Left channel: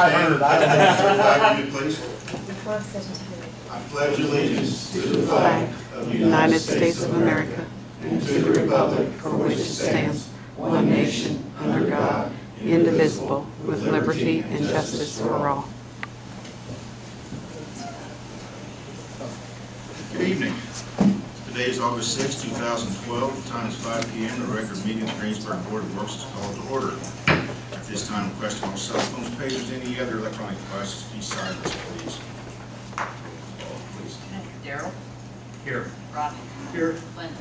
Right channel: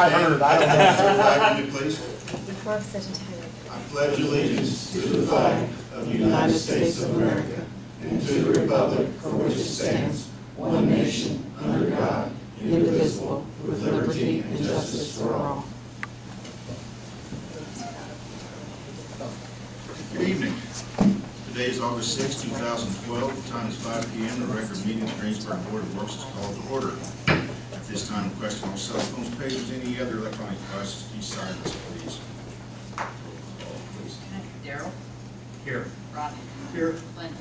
I heard. I don't know. Flag, please. I I pledge allegiance to the flag of the United States of America and to the republic for which it stands, one nation, under God, indivisible, with liberty and justice for all. Good evening. Today is August 6, 2012. The time is 5 p.m. The record meeting of the Greensburg Board of Works is called to order. At this time, requesting all cell phones, pagers, any other electronic devices be silenced, please. Roll call, please. Darrell? Here. Rodney? Here. Linda?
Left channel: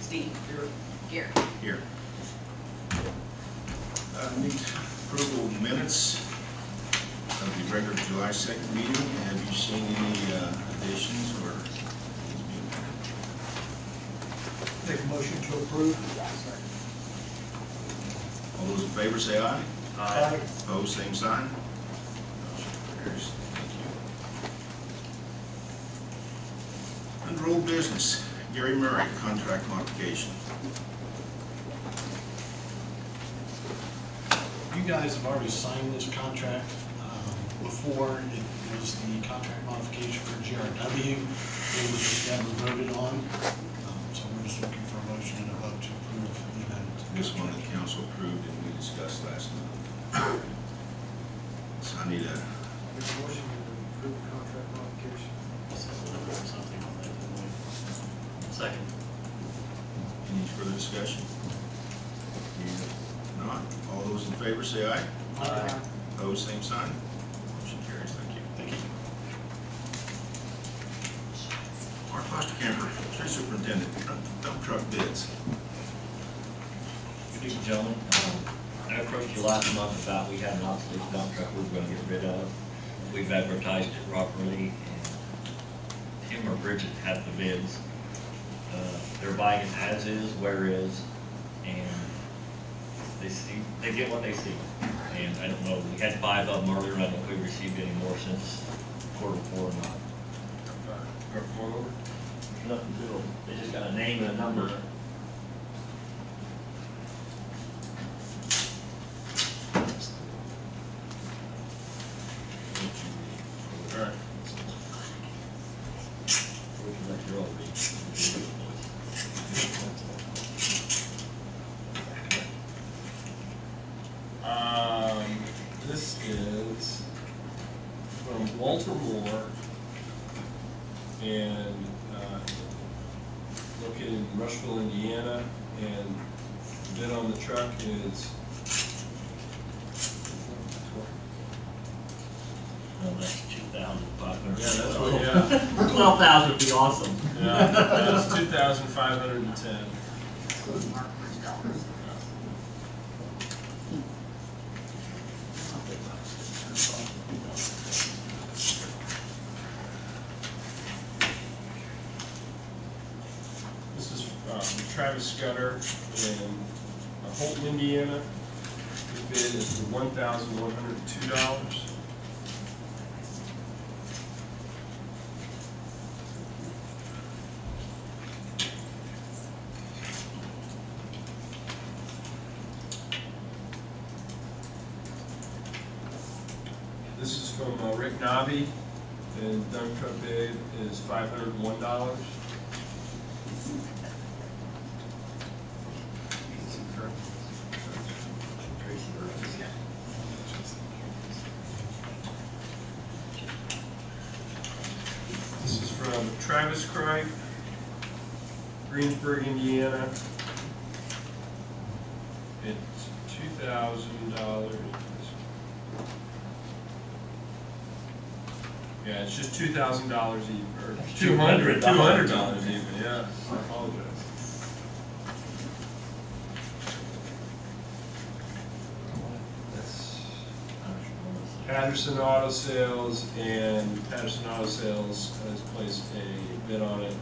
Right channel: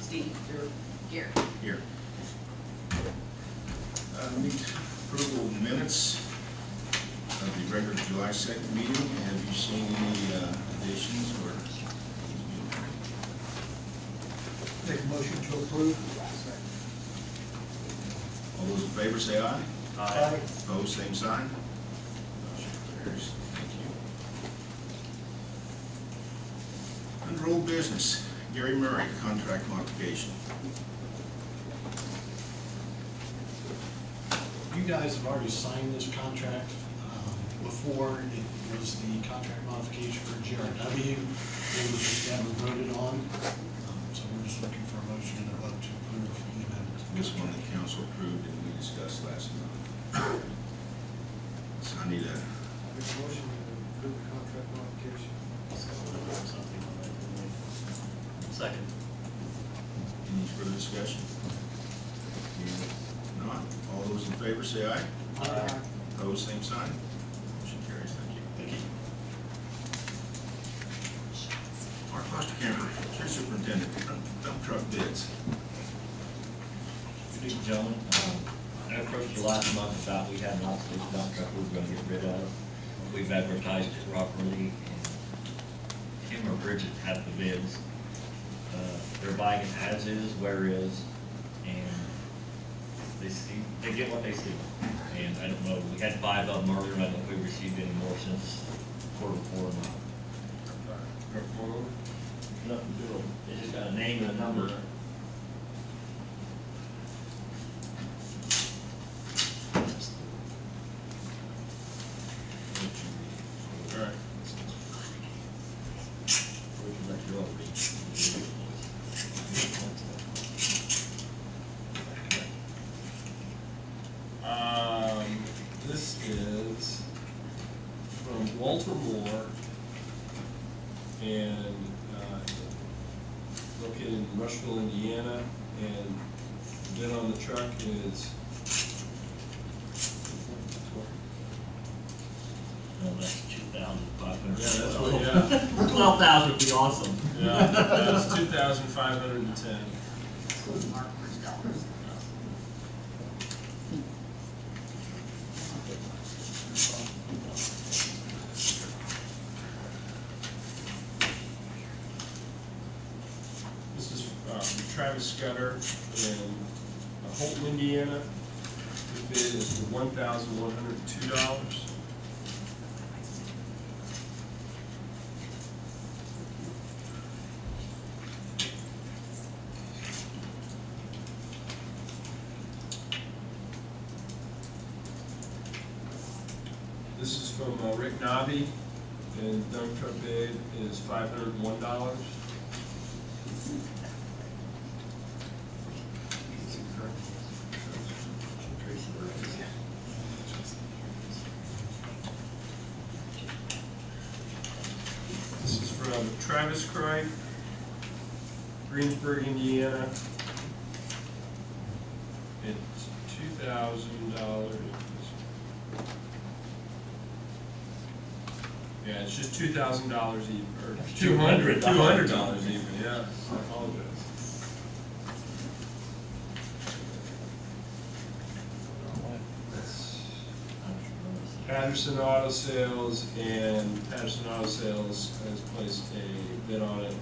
Steve? Here. Gary? Here. Need approval of minutes of the regular July 2nd meeting. Have you seen any additions or? Make a motion to approve. All those in favor say aye. Aye. Opposed, same sign. Motion carries. Thank you. Under old business, Gary Murray, contract modification. You guys have already signed this contract. Before, it was the contract modification for GRW. It was just never voted on. So we're just looking for a motion and a vote to approve the amendment. This one the council approved and we discussed last month. So I need a Make a motion to approve the contract modification. Something on that, didn't we? Second. any further discussion? If not, all those in favor say aye. Aye. Opposed, same sign. Motion carries. Thank you. Thank you. Our Klosterkemper, street superintendent, dump truck bids. Good evening, gentlemen. I approached you last month about we had an obsolete dump truck we were going to get rid of. We've advertised it properly, and Tim or Bridget have the bids. They're buying it as is, where is, and they get what they see. And I don't know, we had 5 of them earlier. I don't know if we received any more since quarter 4 or not. Nothing to them. They just got a name and a number. All right. We can let you all read. This is from Walter Moore and located in Rushville, Indiana, and the bid on the truck is Well, that's 2,500. yeah, that's what, yeah. 12,000 would be awesome. Yeah, that's 2,510. This is Travis Scudder in Holton, Indiana. The bid is for $1,102. This is from Rick Nobby, and dump truck bid is $501. This is from Travis Cripe, Greensburg, Indiana. It's $2,000. Yeah, it's just $2,000 even, or $200 even. Yeah, I apologize. Patterson Auto Sales, and Patterson Auto Sales has placed a bid on it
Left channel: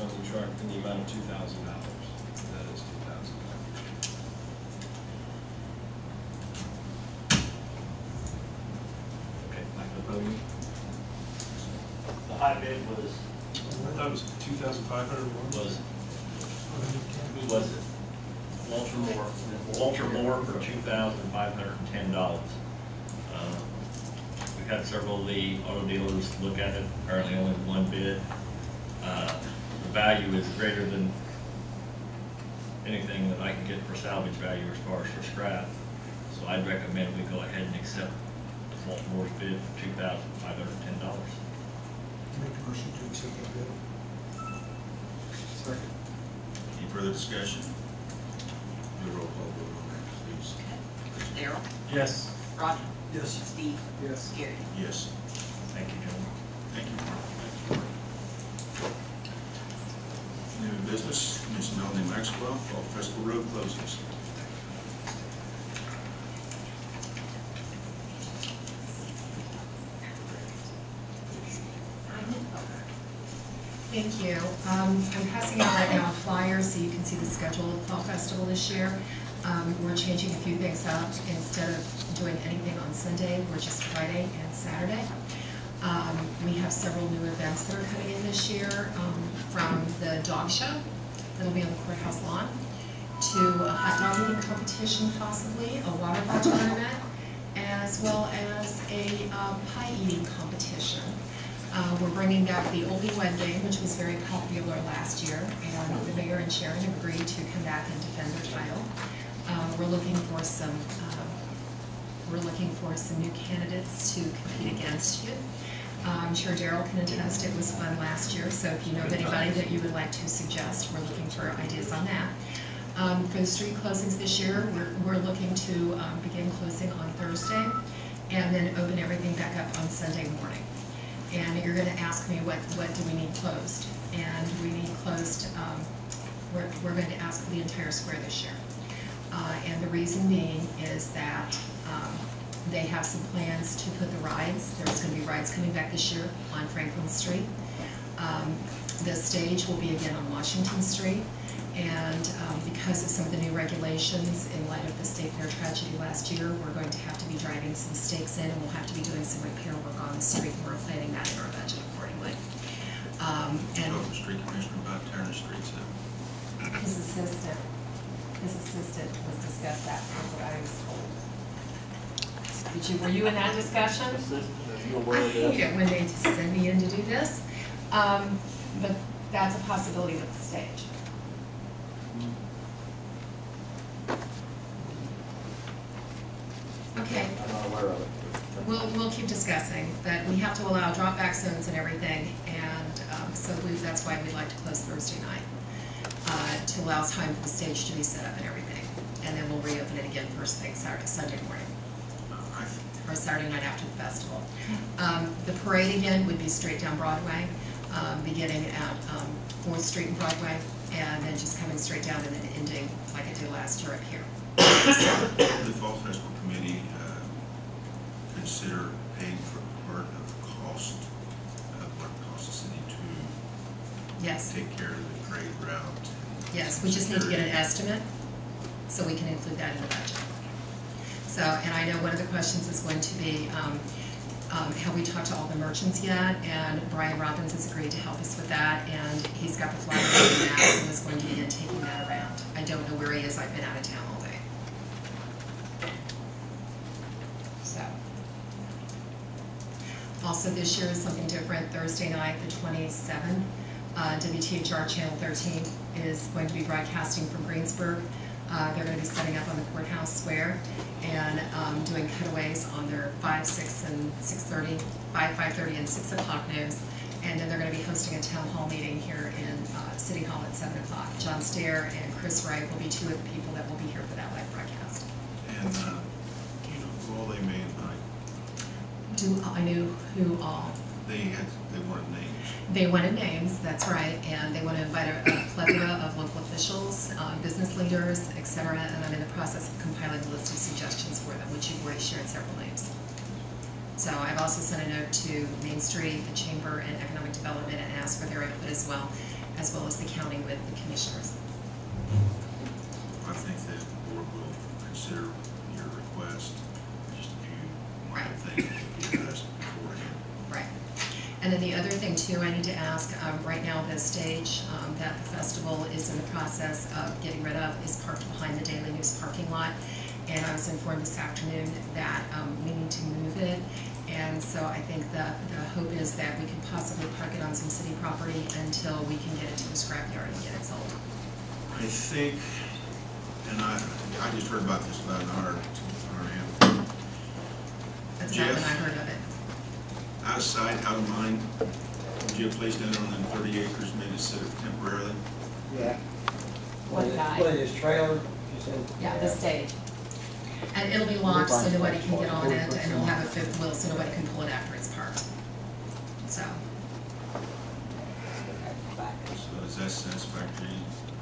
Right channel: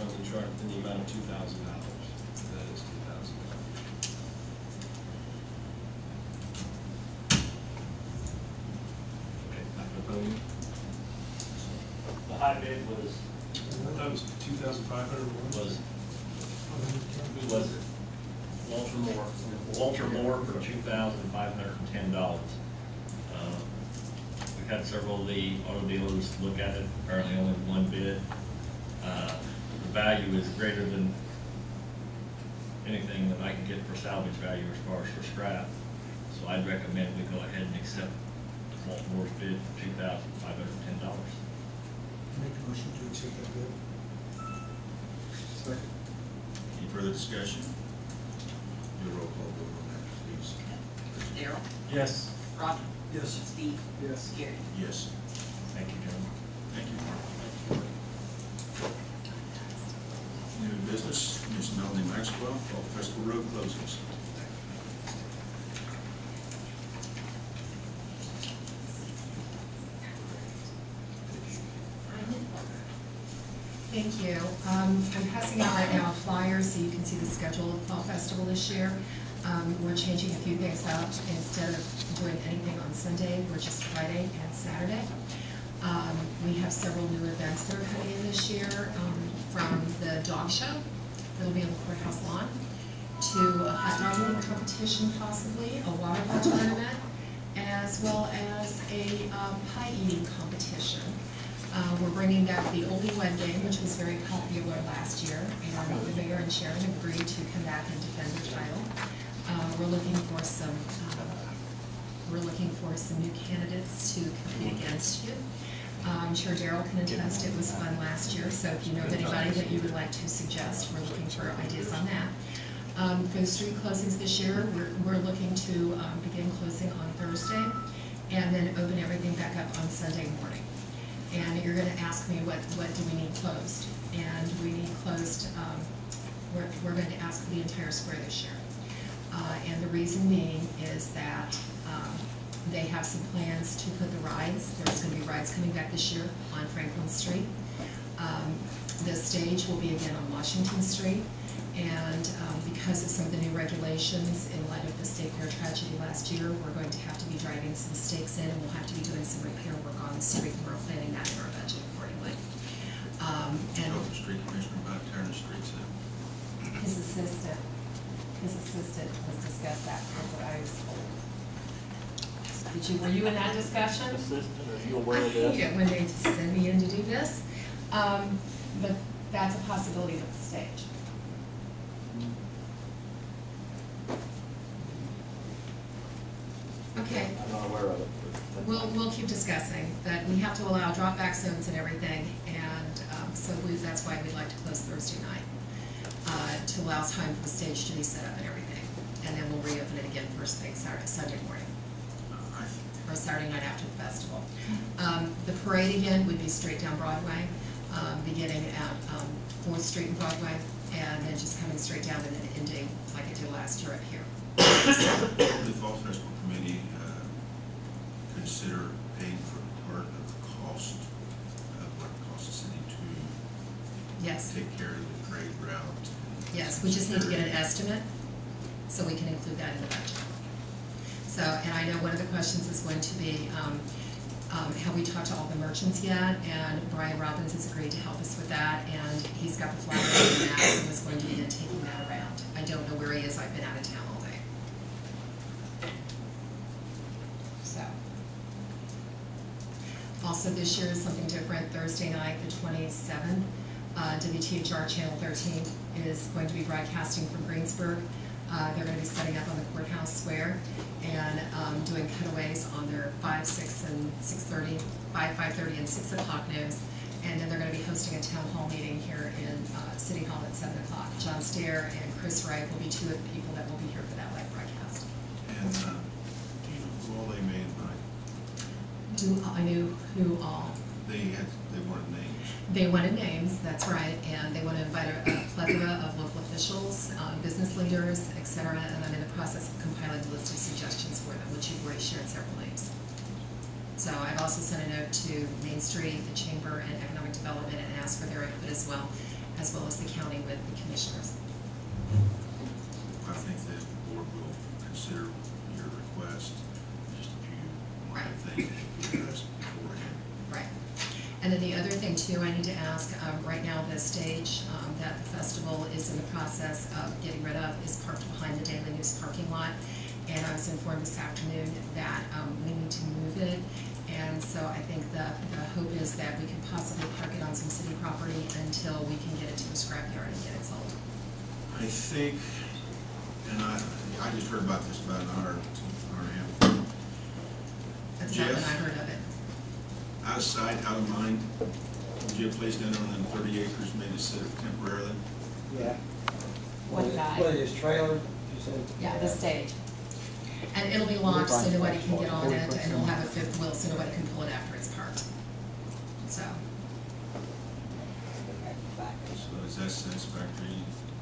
on the truck in the amount of $2,000. That is $2,000. Okay, back to the podium. The high bid was I thought it was 2,500. who was it? Walter Moore. Walter Moore for $2,510. We've had several of the auto dealers look at it, apparently only one bid. The value is greater than anything that I can get for salvage value as far as for scrap. So I'd recommend we go ahead and accept Walter Moore's bid for $2,510. Make a motion to accept that bid. Second. Any further discussion? Do a roll call vote on that, please. Daryl, Yes. Roger, Yes. Steve, Yes. Gary. Yes. Thank you, gentlemen. Thank you, Mark. New business, Ms. Melanie Maxwell, Fall Festival Road closings. Thank you. I'm passing out right now a flyer so you can see the schedule of the Fall Festival this year. We're changing a few things up. Instead of doing anything on Sunday, we're just Friday and Saturday. We have several new events that are coming in this year, from the dog show that'll be on the courthouse lawn, to a hot dog eating competition possibly, a water ball tournament, as well as a pie eating competition. We're bringing back the Oldie Wed Game, which was very popular last year, and the mayor and Sharon agreed to come back and defend their title. We're looking for some new candidates to compete against you. I'm sure Daryl can attest it was fun last year, so if you know of anybody that you would like to suggest, we're looking for ideas on that. For the street closings this year, we're looking to begin closing on Thursday and then open everything back up on Sunday morning. And you're going to ask me what do we need closed? And we need closed, we're going to ask for the entire square this year. And the reason being is that they have some plans to put the rides. There's going to be rides coming back this year on Franklin Street. The stage will be again on Washington Street. And because of some of the new regulations in light of the State Fair tragedy last year, we're going to have to be driving some stakes in, and we'll have to be doing some repair work on the street, and we're planning that in our budget accordingly. Talk to the street commissioner about tearing the streets up. His assistant was discussed that, that's what I was told. Were you in that discussion? Are you aware I of hate this? it when they just send me in to do this, but that's a possibility with the stage. Okay. I'm not aware of it. We'll keep discussing, but we have to allow drop back zones and everything, and so that's why we'd like to close Thursday night, to allow time for the stage to be set up and everything, and then we'll reopen it again first thing Sunday morning, or Saturday night after the festival. The parade again would be straight down Broadway, beginning at 4th Street and Broadway, and then just coming straight down and then ending like I did last year up here. The Fall Festival Committee consider paying for part of the cost of what it costs the city to Yes. take care of the parade route. Yes, we just need to get an estimate, so we can include that in the budget. So, and I know one of the questions is going to be, have we talked to all the merchants yet? And Brian Robbins has agreed to help us with that, and he's got the flyer on that, and is going to begin taking that around. I don't know where he is, I've been out of town all day. So. Also this year is something different. Thursday night, the 27th, WTHR Channel 13 is going to be broadcasting from Greensburg. They're going to be setting up on the courthouse square and doing cutaways on their 5, 6, and 6:30, 5:30, and 6 o'clock news. And then they're going to be hosting a town hall meeting here in City Hall at 7 o'clock. John Stair and Chris Wright will be two of the people that will be here for that live broadcast. And do you know who all they may invite? I knew who all. They wanted names. They wanted names, that's right, and they want to invite a plethora of local officials, business leaders, et cetera, and I'm in the process of compiling a list of suggestions for them, which you've already shared several names. So I've also sent a note to Main Street, the Chamber, and Economic Development and asked for their input as well as the county with the commissioners. I think the board will consider your request, just a few minor things that should be addressed beforehand. Right. And then the other thing too too, I need to ask, right now the stage that the festival is in the process of getting rid of is parked behind the Daily News parking lot. And I was informed this afternoon that we need to move it. And so I think the hope is that we can possibly park it on some city property until we can get it to the scrapyard and get it sold. I think, and I just heard about this about an hour and a half. That's about when I Jeff? heard of it. Out of sight, out of mind, would you have placed down on them 30 acres, maybe sit it temporarily? Yeah. One guy. What is trailer, you said? Yeah, the stage. And it'll be locked so nobody can get on it, and it'll have a fifth wheel so nobody can pull it after it's parked. So, So is that satisfactory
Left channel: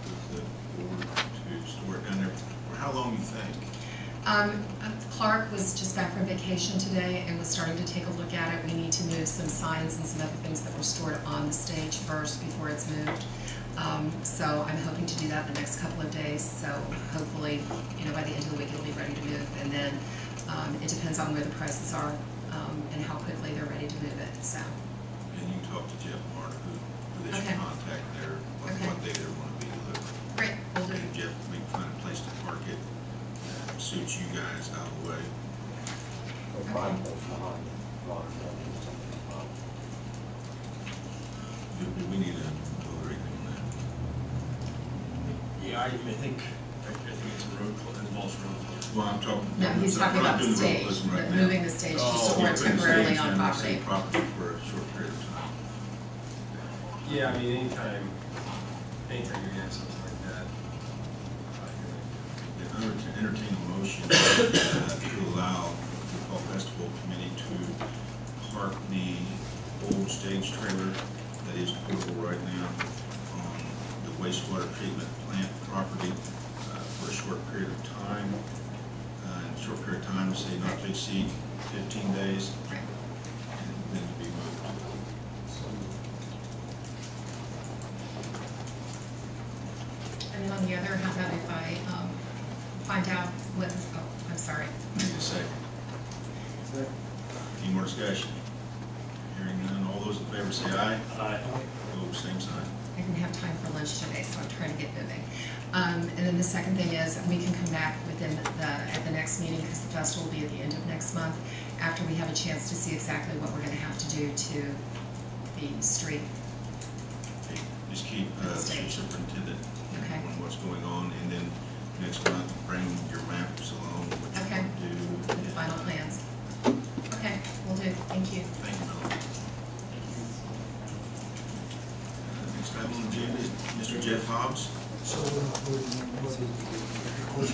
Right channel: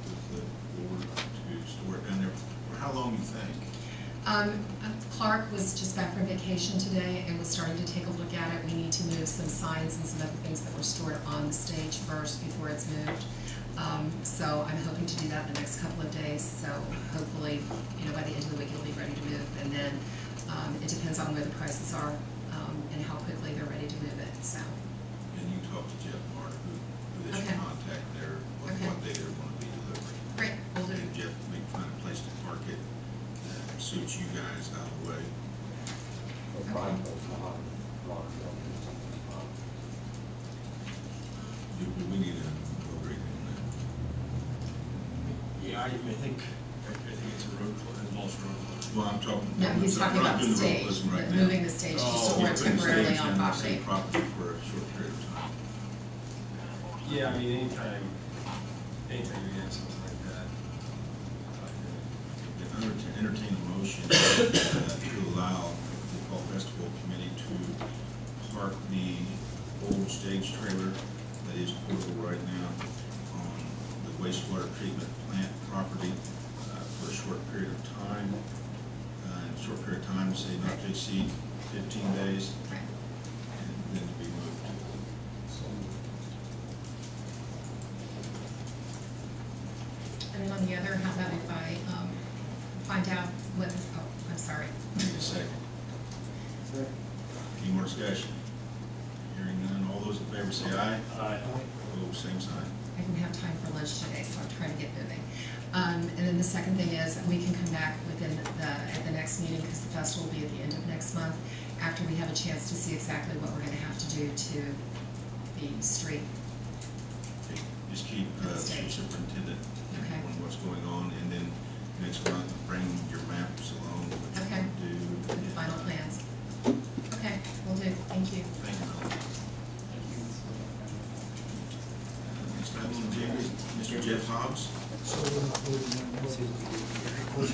with the board to store it down there? For how long, you think? Clark was just back from vacation today and was starting to take a look at it. We need to move some signs and some other things that were stored on the stage first before it's moved. So I'm hoping to do that the next couple of days. So hopefully, by the end of the week it'll be ready to move. And then it depends on where the prices are and how quickly they're ready to move it. So. And you talk to Jeff Martin, who they should Okay. contact there, what day they're going to be delivered. Great, we'll do. And Jeff, we find a place to park it that suits you guys out of the way. Do we need a vote or anything on that? Yeah, I think it's a road closure, involves road closure. Well, I'm talking. No, he's talking we're not about the doing road stage, closing right but now. moving the stage to store Yeah, it putting the temporarily stage on down the property. same property for a short period of time. Yeah, I mean, anytime you're getting something like that. Entertain a motion to allow the Fall Festival Committee to park the old stage trailer that is portable right now on the wastewater treatment plant property for a short period of time. Short period of time, say not to exceed 15 days, Right. and then to be moved. And then on the other, how about if I find out what, I'm sorry. Need a second. Any more discussion? Hearing none, all those in favor say aye. Aye. Opposed, same sign. I didn't have time for lunch today, so I'm trying to get moving. And then the second thing is, we can come back at the next meeting, because the festival will be at the end of next month, after we have a chance to see exactly what we're gonna have to do to the street. Okay, just keep superintendent Okay. on what's going on, and then next month, bring your maps along, what you Okay. want to do. With the final plans. Okay, will do, thank you. Thank you, Melanie. Next item on the agenda is Mr. Jeff Hobbs. So we're not voting on what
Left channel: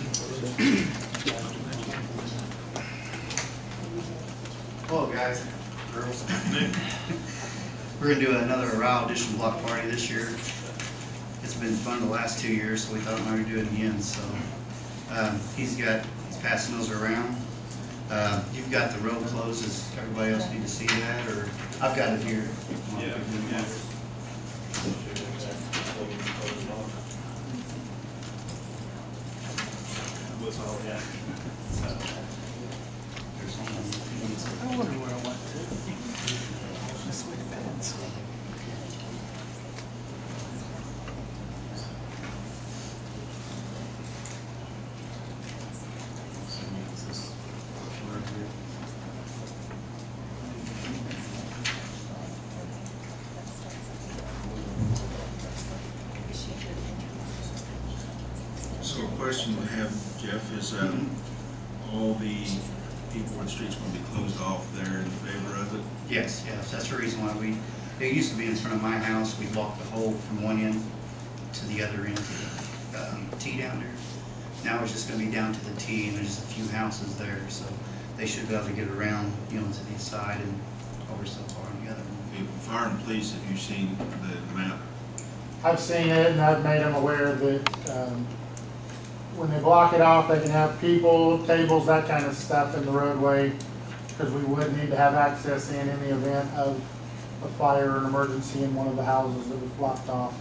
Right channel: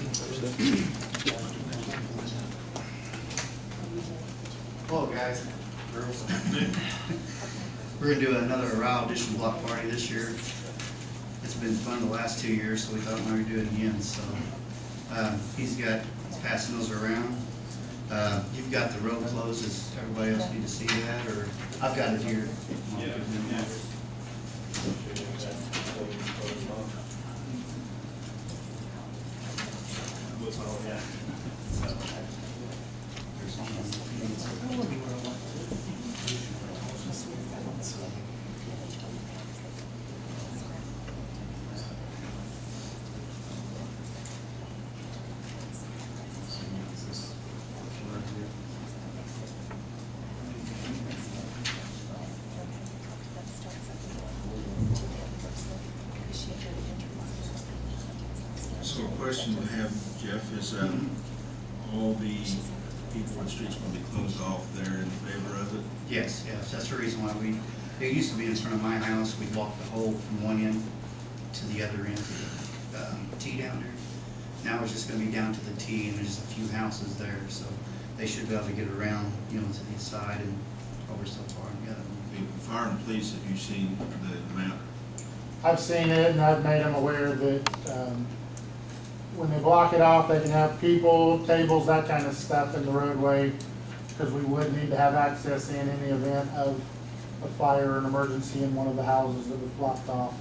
Hello guys, girls. We're gonna do another Row Edition block party this year. It's been fun the last 2 years, so we thought we might do it again. So he's passing those around. You've got the road closed. Does everybody else need to see that, or I've got it here? Yeah. What's all that? So a question we have, Jeff, is all the people on the streets going to be closed off there in favor of it? Yes, that's the reason why it used to be in front of my house. We'd walk the whole from one end to the other end, to the T down there. Now it's just gonna be down to the T, and there's a few houses there, so they should be able to get around, to the side and over so far on the other one. Okay, Fire and police, have you seen the map? I've seen it, and I've made them aware that when they block it off, they can have people, tables, that kind of stuff in the roadway, because we would need to have access in the event of a fire or an emergency in one of the houses that was blocked off.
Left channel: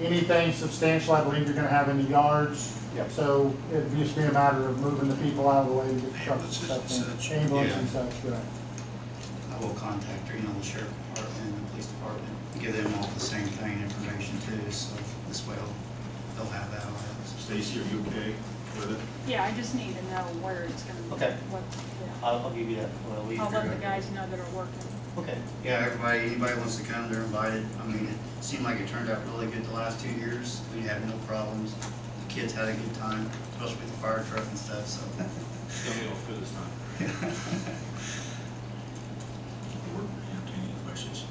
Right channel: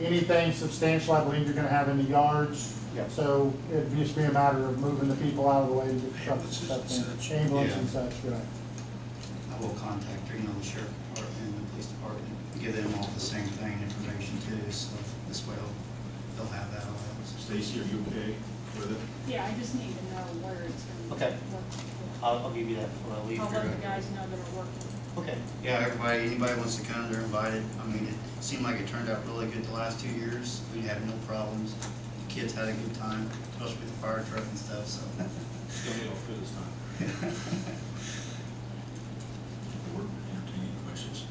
Anything substantial, I believe you're gonna have in the yards. Yep. So it'd just be a matter of moving the people out of the way to get trucks and Ambulances and stuff in. such. Ambulance Yeah. and such, right. I will contact her, the sheriff department, police department. Give them all the same thing, information too, so this way they'll have that on it. Stacey, are you okay with it? Yeah, I just need to know where it's gonna be. Okay. Yeah. I'll give you that when I leave I'll here. let the guys know that are working. Okay. Yeah, anybody wants to come, they're invited. I mean, it seemed like it turned out really good the last 2 years. We had no problems. The kids had a good time, especially with the fire truck and stuff, so. It's gonna be all for this time. Board, entertain any questions?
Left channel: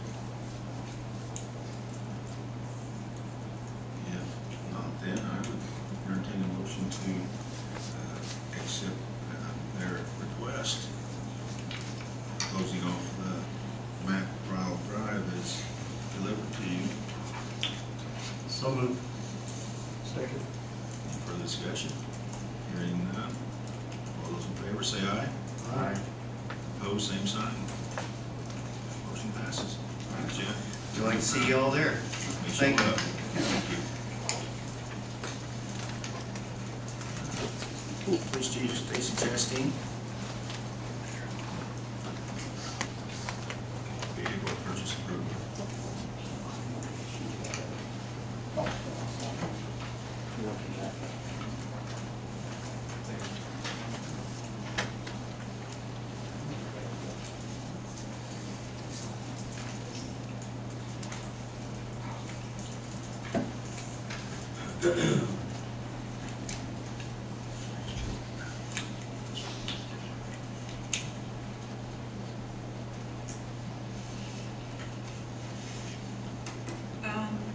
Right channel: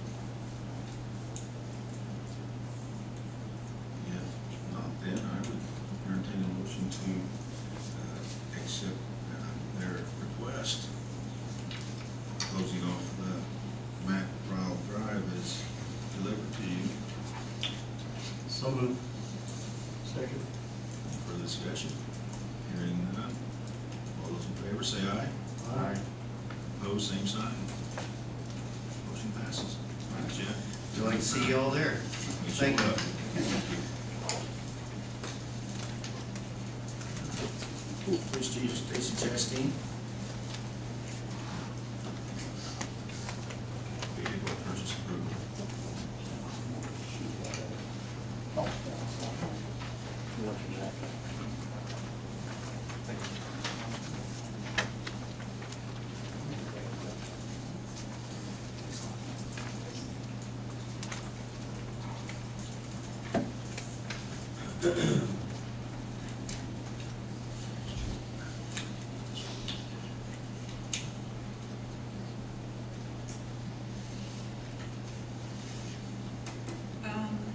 If not, then I would entertain a motion to accept their request, closing off the Maxwell Drive is delivered to you. So moved. Second. Any further discussion? Hearing none. All those in favor say aye. Aye. Opposed, same sign. Motion passes. All right, Jeff. We'd like to see you all there. Thank you. Police Chief Stacey Chasteen. Vehicle purchase approval.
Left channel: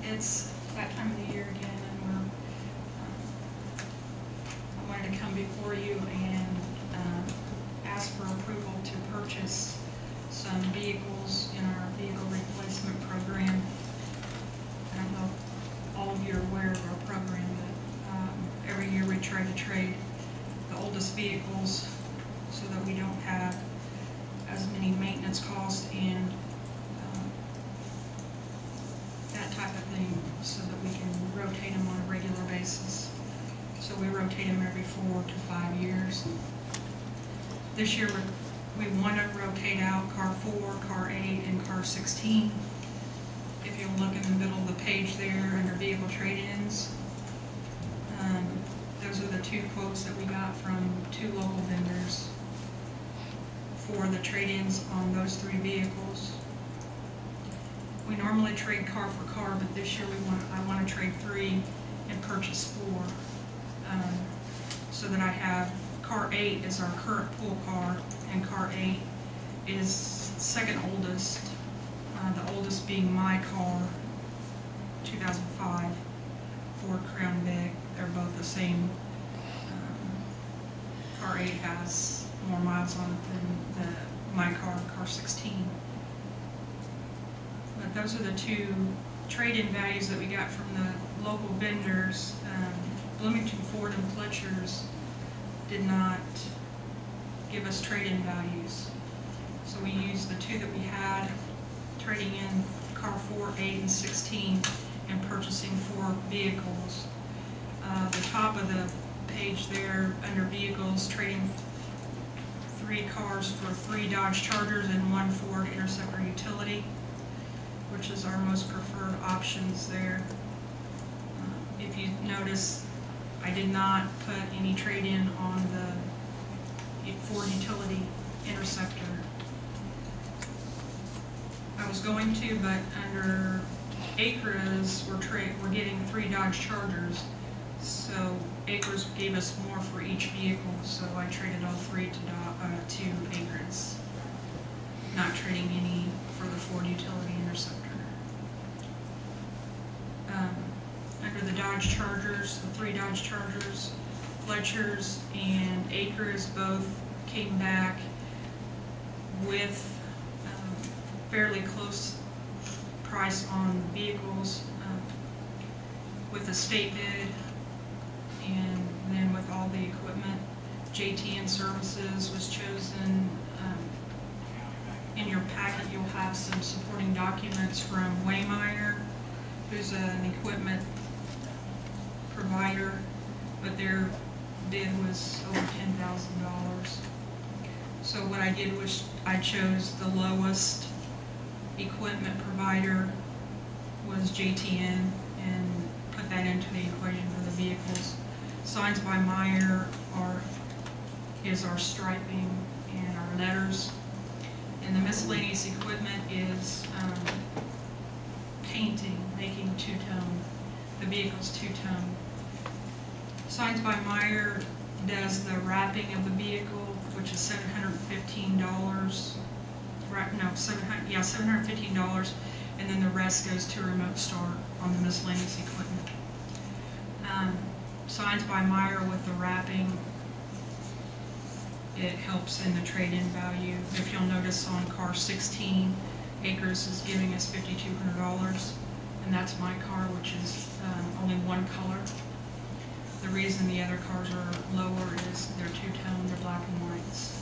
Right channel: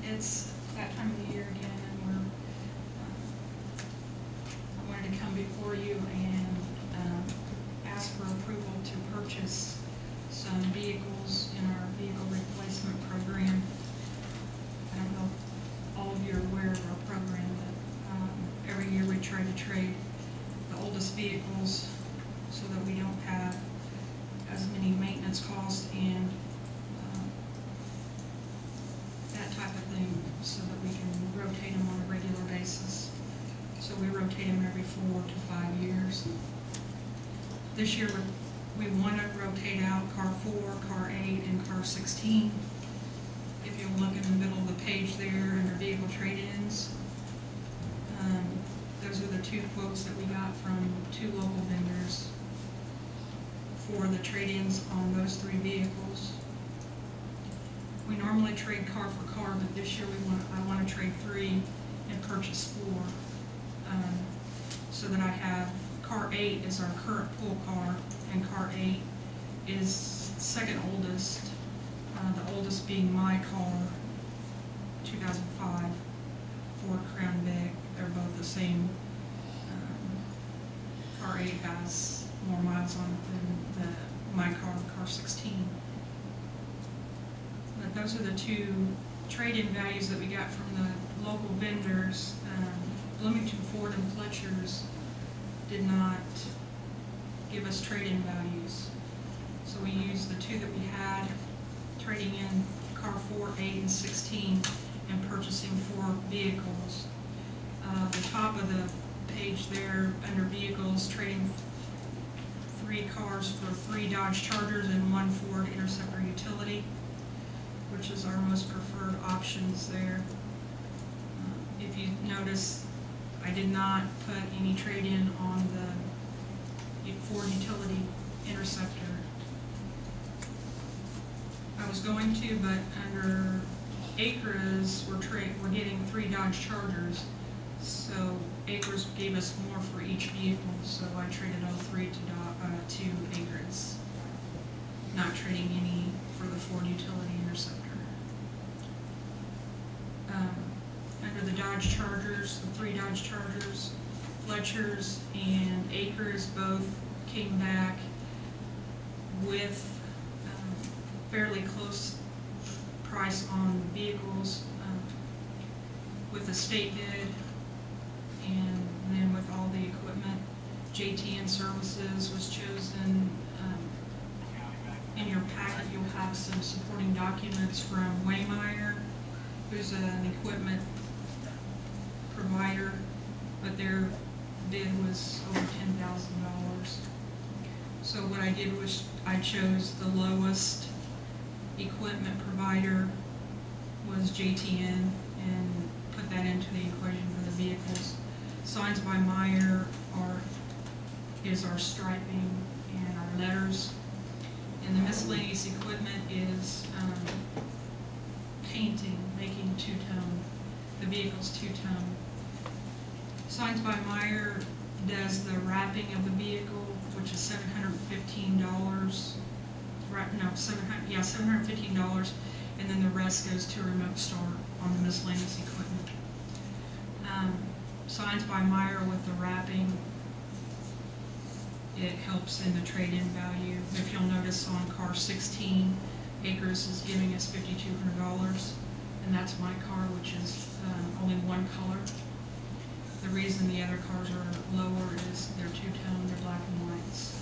It's that time of the year again, and I wanted to come before you and ask for approval to purchase some vehicles in our vehicle replacement program. I don't know if all of you are aware of our program, but every year we try to trade the oldest vehicles so that we don't have as many maintenance costs and that type of thing, so that we can rotate them on a regular basis. So we rotate them every 4 to 5 years. This year we want to rotate out car 4, car 8, and car 16. If you'll look in the middle of the page there under vehicle trade-ins, those are the 2 quotes that we got from 2 local vendors for the trade-ins on those 3 vehicles. We normally trade car for car, but this year I want to trade 3 and purchase 4. So that I have car 8 is our current pool car, and car 8 is second oldest, the oldest being my car, 2005 Ford Crown Vic. They're both the same. Car 8 has more miles on it than my car, car 16. But those are the 2 trade-in values that we got from the local vendors. Bloomington Ford and Fletcher's did not give us trade-in values. So we used the 2 that we had, trading in car 4, 8, and 16, and purchasing 4 vehicles. The top of the page there, under vehicles, trading 3 cars for 3 Dodge Chargers and 1 Ford Interceptor utility, which is our most preferred options there. If you notice, I did not put any trade-in on the Ford utility Interceptor. I was going to, but under Acres, we're getting 3 Dodge Chargers, so Acres gave us more for each vehicle, so I traded all 3 to Acres, not trading any for the Ford utility Interceptor. Under the Dodge Chargers, the 3 Dodge Chargers, Fletcher's and Acres both came back with fairly close price on vehicles with a state bid, and then with all the equipment. JTN Services was chosen. In your packet, you'll have some supporting documents from Waymire, who's an equipment provider, but their bid was over $10,000. So what I did was I chose the lowest equipment provider was JTN, and put that into the equation for the vehicles. Signs by Meyer is our striping and our letters. And the miscellaneous equipment is painting, making two-tone, the vehicle's two-tone. Signs by Meyer does the wrapping of the vehicle, which is $715. Right, no, $715, and then the rest goes to a remote start on the miscellaneous equipment. Signs by Meyer with the wrapping, it helps in the trade-in value. If you'll notice on car 16, Acres is giving us $5,200, and that's my car, which is only one color. The reason the other cars are lower is they're two-tone, they're black and whites.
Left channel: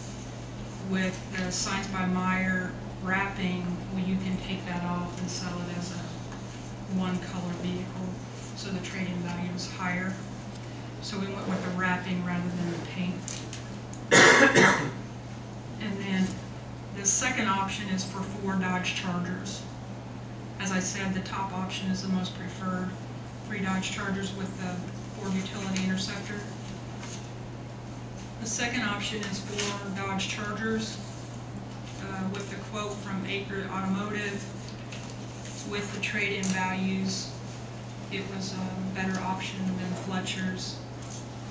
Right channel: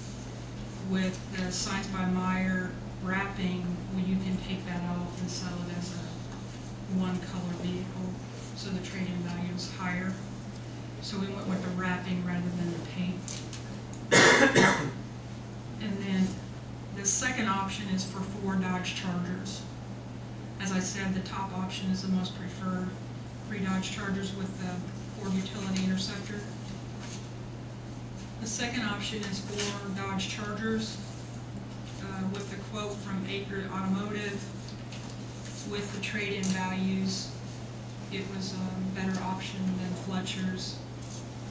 With the Signs by Meyer wrapping, well, you can take that off and sell it as a one-color vehicle, so the trade-in value is higher. So we went with the wrapping rather than the paint. And then the second option is for 4 Dodge Chargers. As I said, the top option is the most preferred. 3 Dodge Chargers with the Ford Utility Interceptor. The second option is 4 Dodge Chargers with the quote from Acre Automotive. With the trade-in values, it was a better option than Fletcher's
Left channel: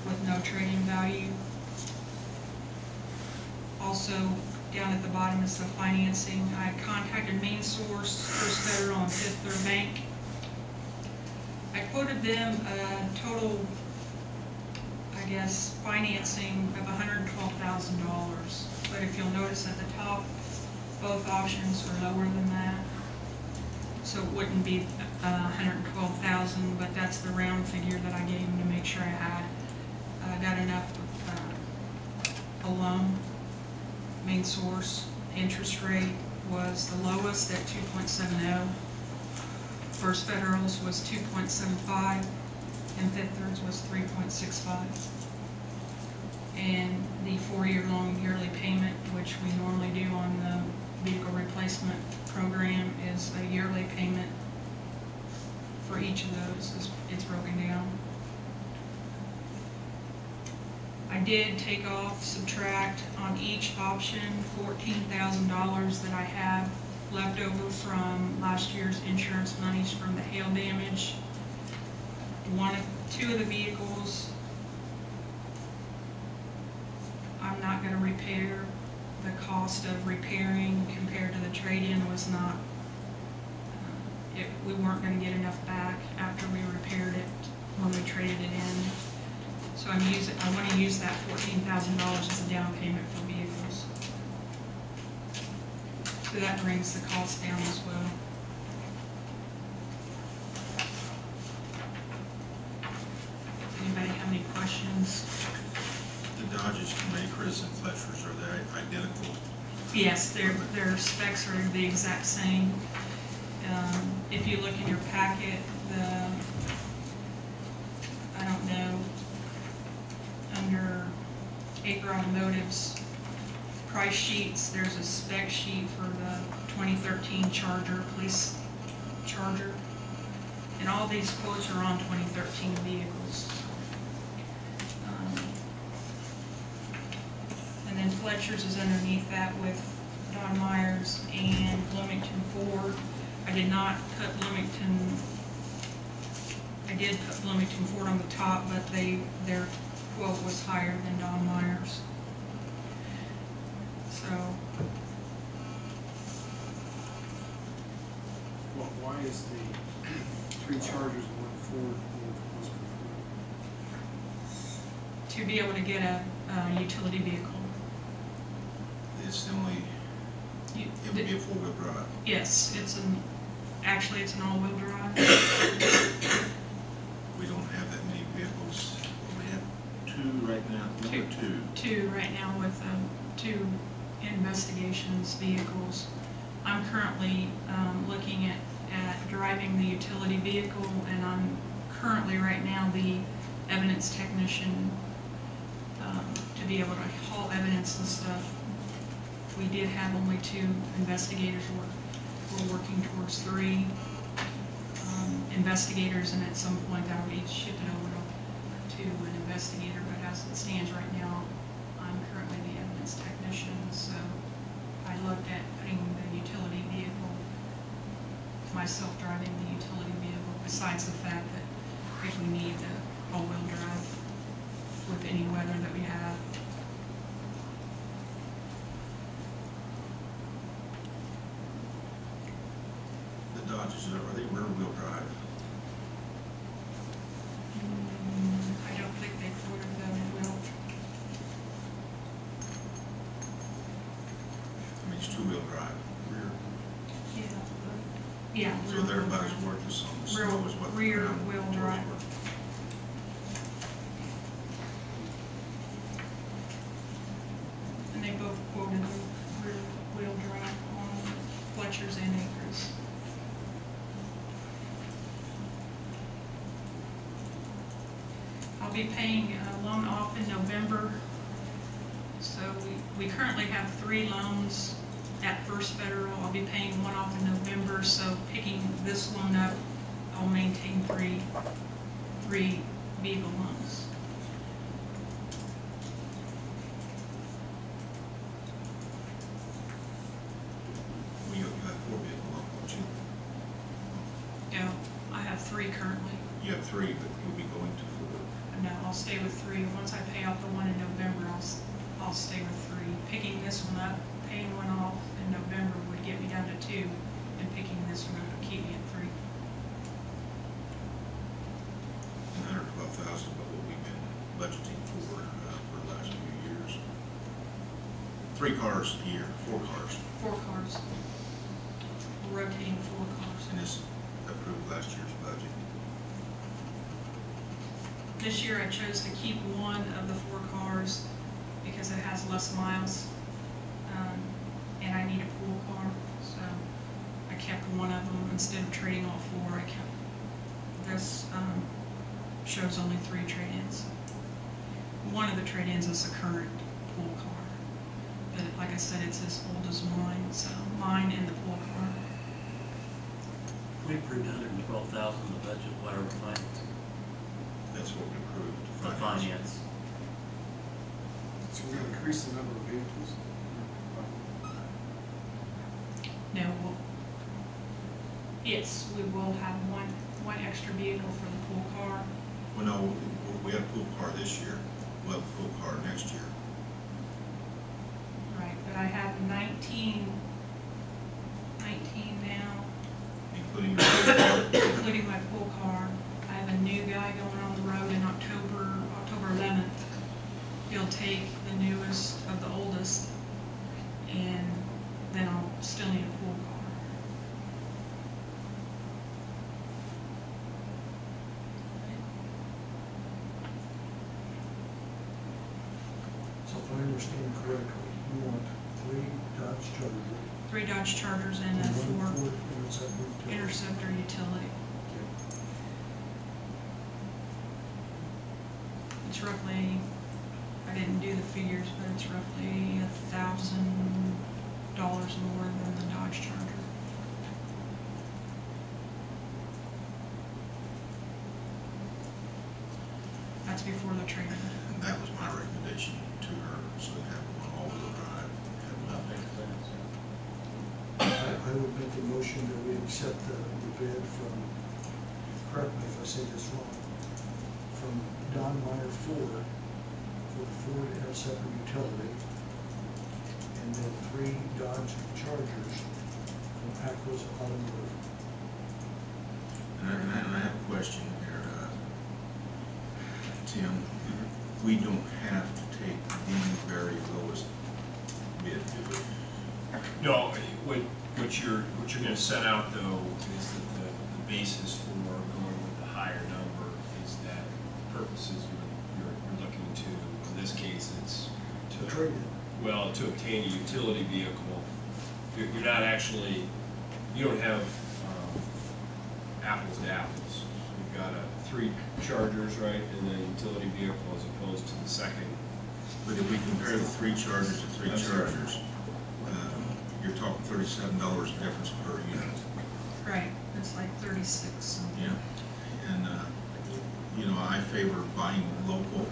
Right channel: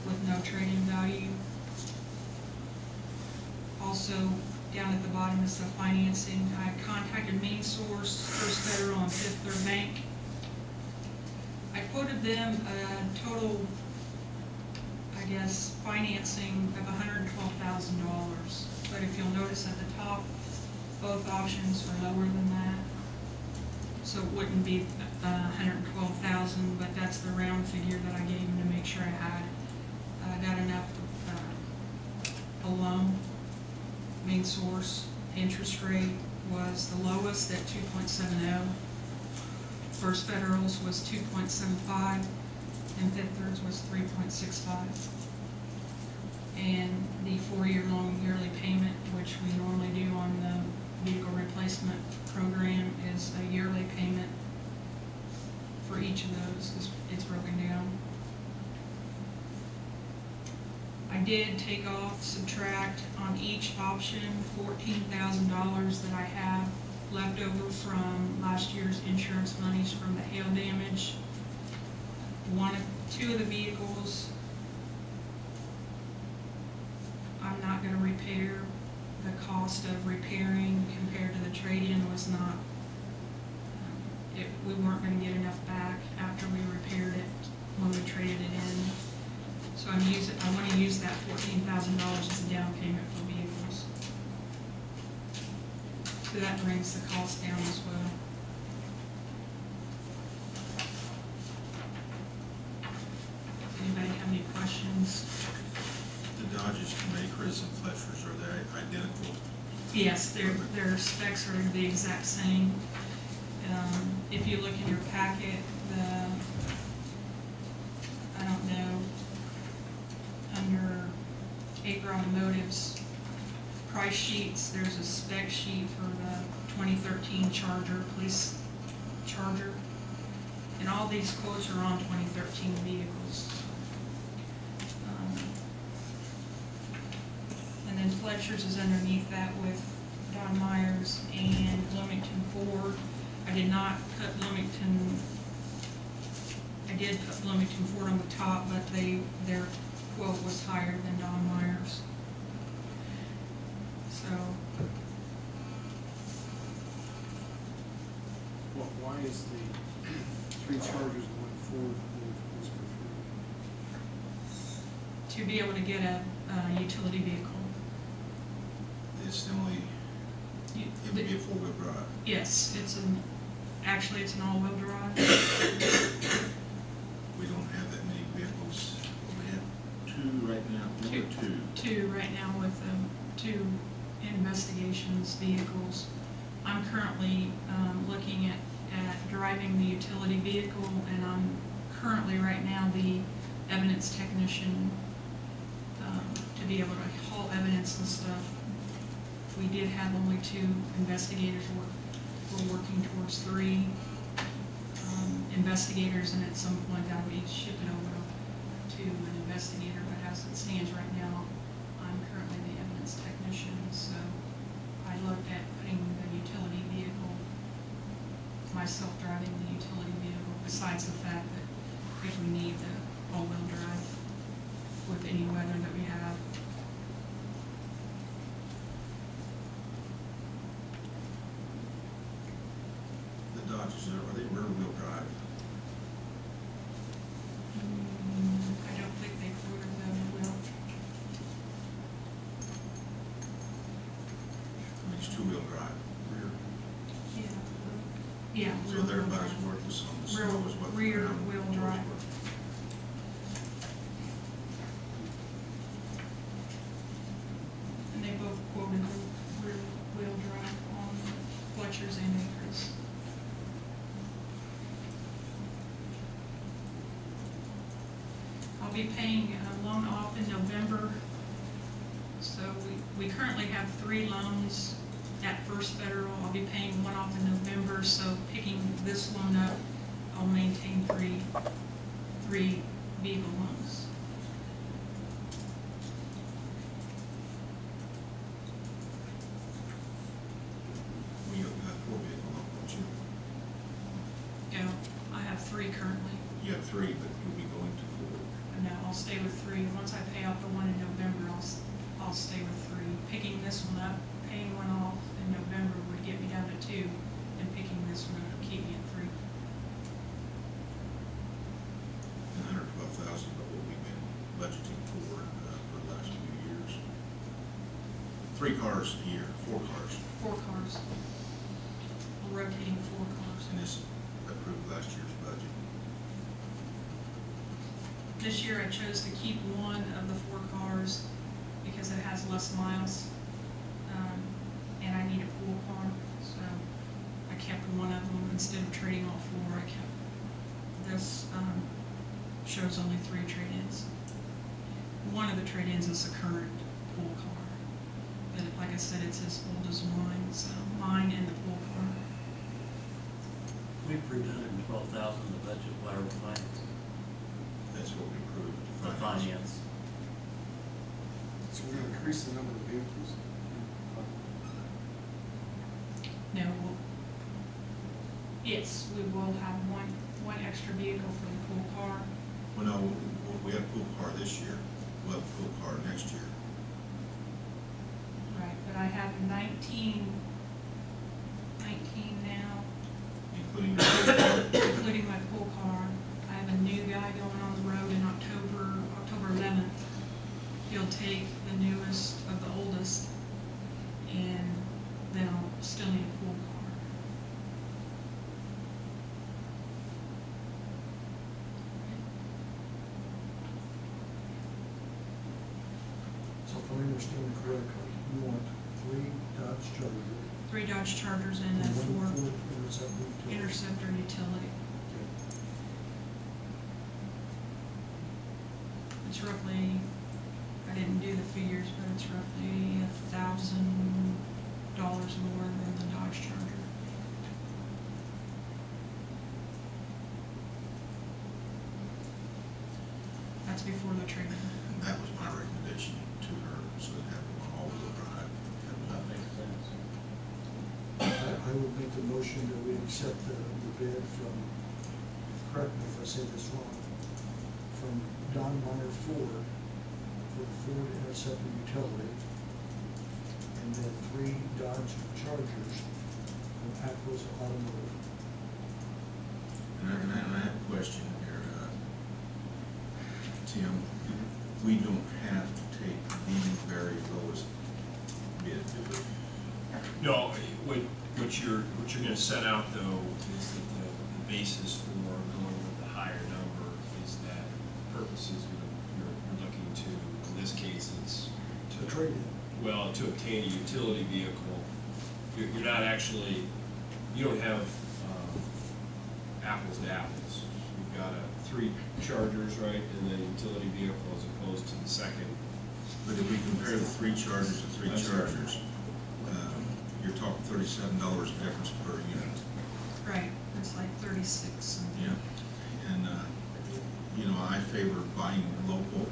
with no trade-in value. Also, down at the bottom is the financing. I contacted Main Source, First Federal, and Fifth Third Bank. I quoted them a total, I guess, financing of $112,000. But if you'll notice at the top, both options are lower than that. So it wouldn't be $112,000, but that's the round figure that I gave them to make sure I got enough a loan. Main Source interest rate was the lowest at 2.70. First Federal's was 2.75, and Fifth Third's was 3.65. And the 4-year long yearly payment, which we normally do on the vehicle replacement program, is a yearly payment for each of those. It's broken down. I did take off, subtract on each option $14,000 that I have left over from last year's insurance monies from the hail damage. 2 of the vehicles I'm not going to repair. The cost of repairing compared to the trade-in was not, we weren't going to get enough back after we repaired it when we traded it in. So I want to use that $14,000 as a down payment for vehicles. So that brings the cost down as well. Anybody have any questions? The Dodges from Acres and Fletcher's, are they identical? Yes, their specs are the exact same. If you look in your packet, I don't know, under Acre Automotive's price sheets, there's a spec sheet for the 2013 Charger, police Charger. And all these quotes are on 2013 vehicles. And then Fletcher's is underneath that with Don Myers and Bloomington Ford. I did put Bloomington Ford on the top, but their quote was higher than Don Myers. So. Well, why is the 3 Chargers and 1 Ford most preferred? To be able to get a utility vehicle. It's the only, it would be a 4-wheel drive. Yes, actually it's an all-wheel drive. We don't have that many vehicles. Well, we have 2 right now, 1 or 2? 2 right now with 2 investigations vehicles. I'm currently looking at driving the utility vehicle, and I'm currently right now the evidence technician to be able to haul evidence and stuff. We did have only 2 investigators we're working towards 3 investigators, and at some point that'll be shifted over to an investigator, but as it stands right now, I'm currently the evidence technician, so I looked at putting the utility vehicle, myself driving the utility vehicle, besides the fact that if we need the all-wheel drive with any weather that we have. The Dodges, are they rear-wheel drive? I don't think they quoted them well. I mean, it's two-wheel drive, rear. Yeah. So they're about as worthless on the snow as what the Rear ground wheel roads drive. were. And they both quoted rear wheel drive on Fletcher's and Acres. I'll be paying a loan off in November. So we currently have 3 loans at First Federal. I'll be paying 1 off in November, so picking this loan up, I'll maintain three vehicle loans. Well, you have 4 vehicle loan, don't you? Yeah, I have 3 currently. You have 3, but you'll be going to 4. No, I'll stay with 3. Once I pay off the one in November, I'll stay with 3. Picking this one up, paying 1 off in November would get me down to 2, and picking this one up would keep me at 3. And 112,000, but what we've been budgeting for the last few years. 3 cars a year, 4 cars, 4 cars. We're rotating 4 cars. and this approved last year's budget. This year I chose to keep 1 of the 4 cars because it has less miles, and I need a pool car, so I kept 1 of them instead of trading all 4. I kept this. Shows only 3 trade-ins. 1 of the trade-ins is a current pool car, but like I said, it's as old as mine, so mine and the pool car. If we approved 112,000 in the budget, what are we financing? That's what we approved. The finance. So we're gonna increase the number of vehicles. No, yes, we will have one extra vehicle for the pool car. Well, no, we had a pool car this year. We'll have a pool car next year. Right, but I have 19 now, Including your pool car. including my pool car. I have a new guy going on the road in October 11th. He'll take the newest of the oldest, and then I'll still need a pool car. So if I understand correctly, you want 3 Dodge Chargers. 3 Dodge Chargers and a 4 1 Ford Interceptor. Interceptor utility. Okay. It's roughly, I didn't do the figures, but it's roughly $1,000 more than the Dodge Charger. That's before the trade-in. And that was my recommendation to her, so we have 1 all-wheel drive. That makes sense, I would make the motion that we accept the bid from, correct me if I say this wrong, from Don Meyer Ford for the Ford Interceptor utility, and then 3 Dodge Chargers from Aquas Automotive. And I have a question here, Tim. We don't have to take the very lowest bid, do we? No, what you're gonna set out though is that the basis for going with the higher number is that the purposes you're looking to, in this case, it's to Trade-in. well, to obtain a utility vehicle. You're not actually, you don't have apples to apples. You've got 3 Chargers, right, and then utility vehicle as opposed to the second. But if we compare the 3 Chargers to 3 That's Chargers, you're talking $37 difference per unit. Right, it's like 36 something. Yeah, and, you know, I favor buying local.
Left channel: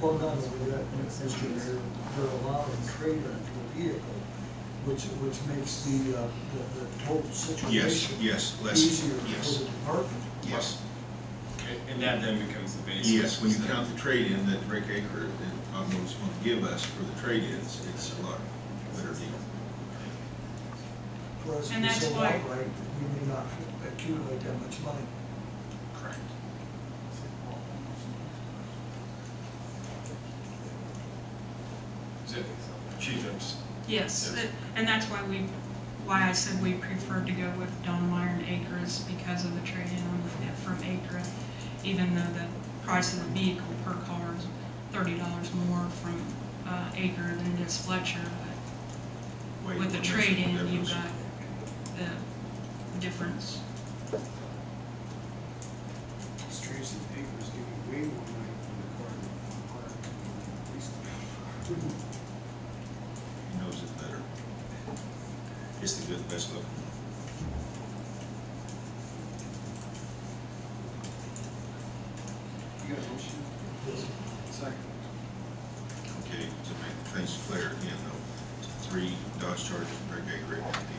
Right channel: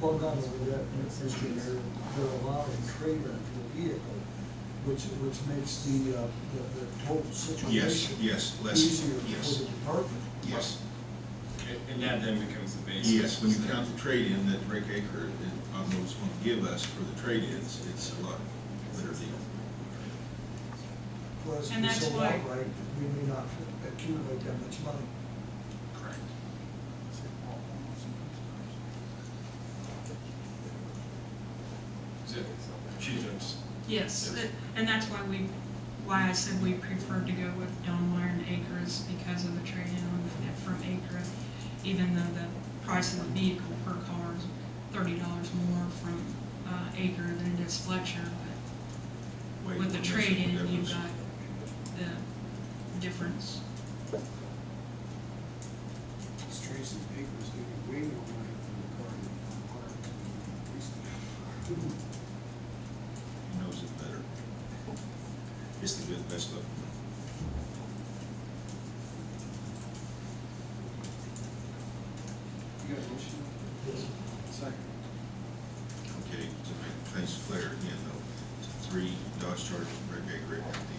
Well, not only that, Mr. Mayor, they're allowing trade-in to a vehicle, which makes the total situation Yes, less, easier yes. for the department. Yes, And that then becomes the basis. yes, when you count the trade-in that Rick Aker is going to give us for the trade-ins, it's a lot better deal. Whereas if And we that's sold why- outright, we may not accumulate that much money. Correct. Is it, Chief, that's- Yes, Yes. and that's why I said we preferred to go with Donmeyer and Acres because of the trade-in from Acre, even though the price of the vehicle per car is $30 more from Acre than it is Fletcher, but Wait, with the what makes the trade-in, you've difference? got the difference. Tracy Acres give you way more money for the car than Donmeyer at least. He knows it better. It's the good, best looking one. You got a motion? Second. Okay, to make things clear again though, 3 Dodge Chargers, Rick Aker, and the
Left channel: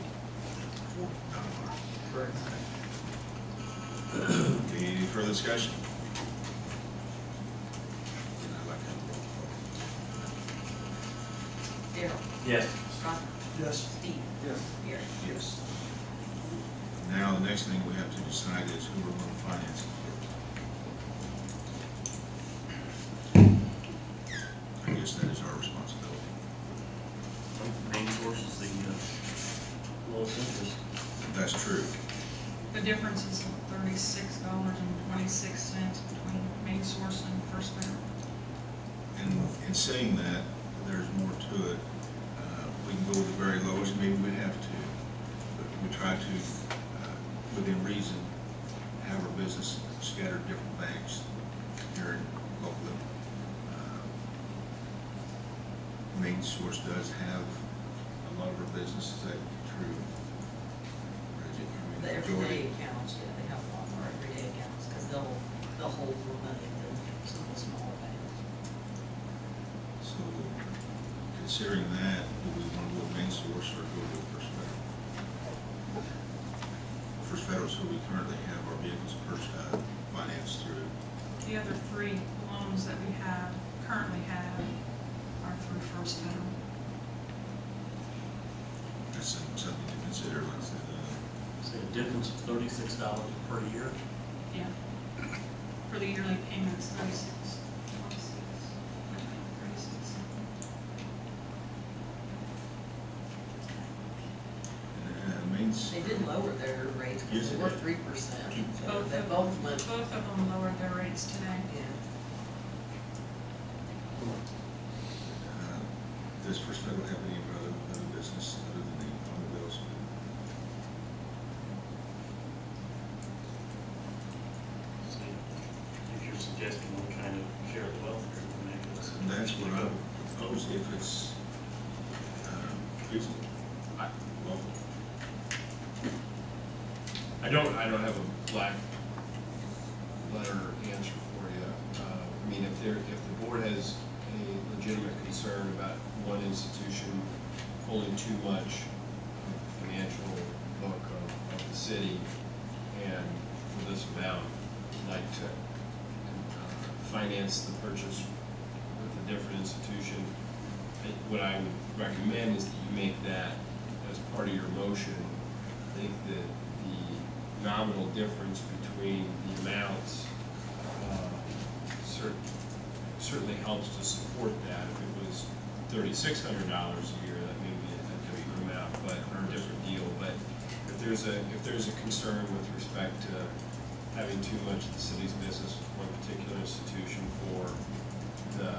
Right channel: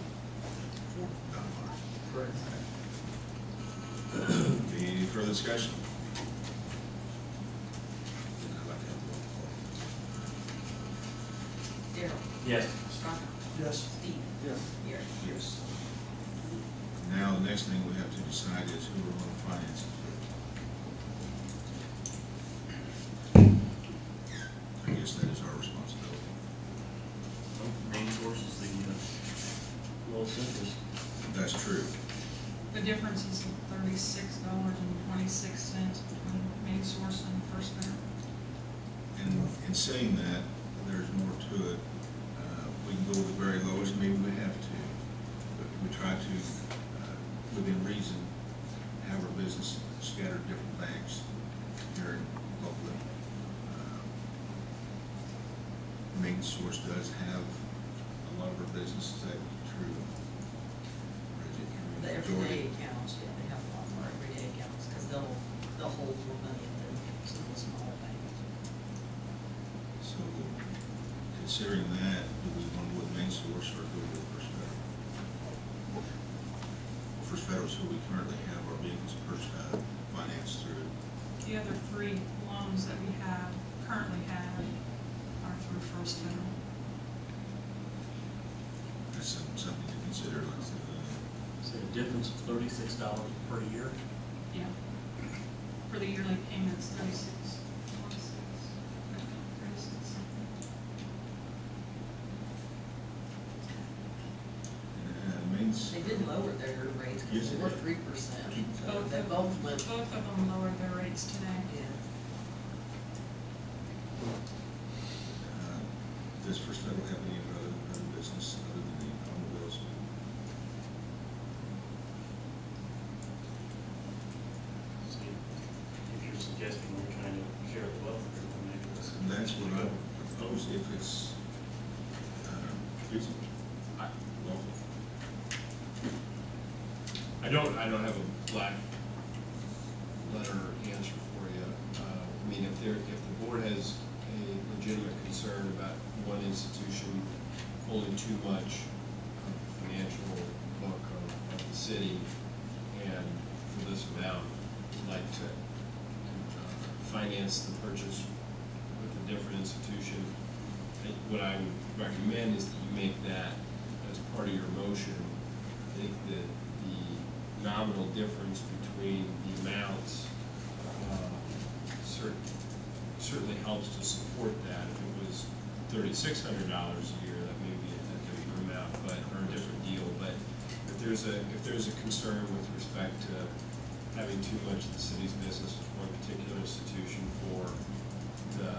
Donmeyer. Correct. Any further discussion? Then I'd like to have a roll call. Daryl. Yes. Ron. Yes. Steve. Yes. Gary. Yes. Now, the next thing we have to decide is who we're going to finance it through. I guess that is our responsibility. Main source is the lowest interest. That's true. The difference is $36.26 between Main Source and First Federal. And in saying that, there's more to it. We can go with the very lowest, maybe we have to, but we try to, within reason, have our business scattered different banks here locally. Main Source does have a lot of our business, is that true? Bridget, I mean, The majority? everyday accounts, yeah, they have a lot more everyday accounts, because they'll hold more money than some of the smaller banks. So, considering that, do we want to go with Main Source or go with First Federal? First Federal is who we currently have our vehicles financed through. The other 3 loans that we currently have are through First Federal. That's something to consider, let's say, Say a difference of $36 per year. Yeah. For the yearly payments, 36, 26, 36 something. and Main's. They did lower their rates, Yes, because they they were did. 3%, so Both they of both went, Both of them lowered their rates today. yeah. Does First Federal have any other business other than the automobiles? So if you're suggesting one kind of share the wealth here, then maybe that's. And that's what I would propose if it's feasible. Local. I don't have a black letter answer for you. I mean, if the board has a legitimate concern about one institution pulling too much of the financial book of the city, and for this amount, would like to finance the purchase with a different institution, what I would recommend is that you make that as part of your motion. I think that the nominal difference between the amounts certainly helps to support that. If it was $3,600 a year, that may be a different amount, or a different deal. But if there's a concern with respect to having too much of the city's business with one particular institution for the